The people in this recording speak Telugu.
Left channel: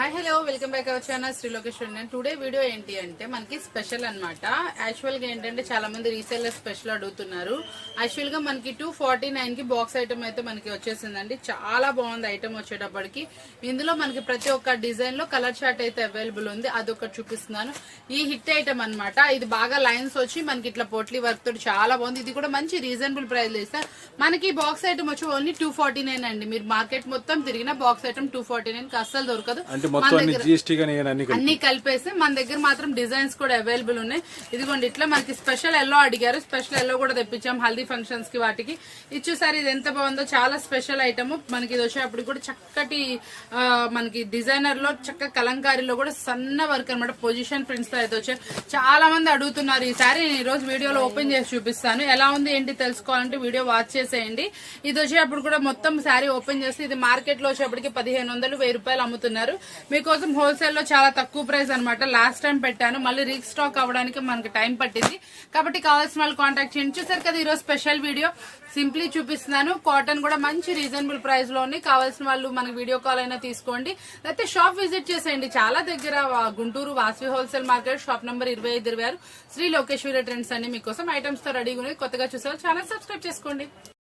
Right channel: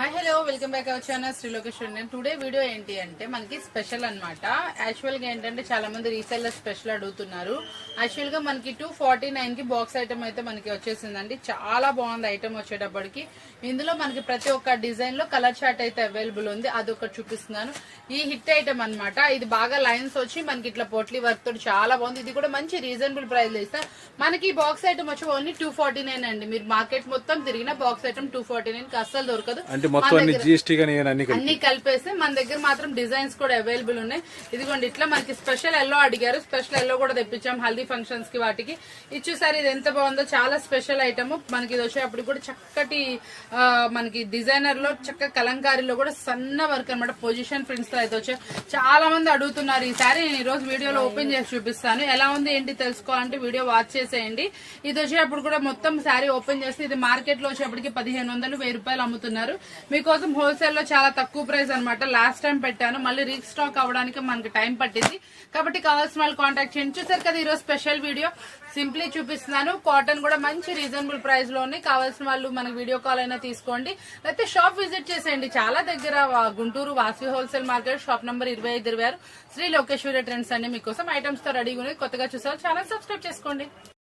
Hi hello welcome back our channel Shri Lokeshwari. నేను టుడే వీడియో ఏంటి అంటే మనకి స్పెషల్ అన్నమాట. యాక్చువల్ గా ఏంటంటే చాలా మంది రీసెల్లర్ స్పెషల్ అడుగుతున్నారు. యాక్చువల్ గా మనకి 249 కి బాక్స్ ఐటమ్ అయితే మనకి వచ్చేసిందండి. చాలా బాగుంది ఐటమ్ వచ్చేటప్పటికి. ఇందులో మనకి ప్రతి ఒక్క డిజైన్ లో కలర్ చార్ట్ అయితే అవైలబుల్ ఉంది. అదొకటి చూపిస్తున్నాను. ఈ హిట్ ఐటమ్ అన్నమాట. ఇది బాగా లైన్స్ వచ్చి మనకి ఇట్లా పోట్లీ వర్క్ తోటి చాలా బాగుంది. ఇది కూడా మంచి రీజనబుల్ ప్రైస్ లో ఇస్తా. మనకి బాక్స్ ఐటమ్ వచ్చి ఓన్లీ 249 అండి. మీరు మార్కెట్ మొత్తం తిరిగిన బాక్స్ ఐటమ్ 249 కి అస్సలు దొరకదు. అన్ని కలిపేసి మన దగ్గర మాత్రం డిజైన్స్ కూడా అవైలబుల్ ఉన్నాయి. ఇదిగోండి ఇట్లా మనకి స్పెషల్ ఎల్లో అడిగారు. స్పెషల్ ఎల్లో కూడా తెప్పించాం హల్దీ ఫంక్షన్స్ కి వాటికి. ఇది చూసారు, ఇది ఎంత బాగుందో. చాలా స్పెషల్ ఐటమ్ మనకి. ఇది వచ్చేటప్పుడు కూడా చక్కటి మనకి డిజైనర్ లో చక్క కలంకారీలో కూడా సన్న వర్క్ అనమాట. పొజిషన్ ప్రింట్స్ తో అయితే వచ్చాయి. చాలా మంది అడుగుతున్నారు. ఈ సారీ నేను ఈ రోజు వీడియోలో ఓపెన్ చేసి చూపిస్తాను. ఎలా ఉంది ఏంటి తెలుసుకోవాలంటే వీడియో వాచ్ చేసేయండి. ఇది వచ్చేటప్పుడు కూడా మొత్తం శారీ ఓపెన్ చేసి ఇది మార్కెట్ లో వచ్చేప్పటికి 1500 1000 రూపాయలు అమ్ముతున్నారు. మీకోసం హోల్సేల్ లో చాలా తక్కువ ప్రైస్ అనమాట. లాస్ట్ టైం పెట్టాను, మళ్ళీ రీస్టాక్ అవ్వడానికి మనకి టైం పట్టింది. కాబట్టి కావాల్సిన వాళ్ళు కాంటాక్ట్ చేయండి. చూసారు కదా ఈరోజు స్పెషల్ వీడియో సింప్లీ చూపిస్తున్నాను. కాటన్ కూడా మంచి రీజనబుల్ ప్రైస్ లో ఉన్నాయి. కావాల్సిన వాళ్ళు మనకి వీడియో కాల్ అయినా తీసుకోండి, లేకపోతే షాప్ విజిట్ చేసేయండి. చాలా దగ్గర Guntur Vasavi wholesale market shop number 2526 Shri Lokeshwari trends అన్ని మీకోసం ఐటమ్స్ తో రెడీగా ఉన్నాయి. కొత్తగా చూసారు ఛానల్ సబ్స్క్రైబ్ చేసుకోండి.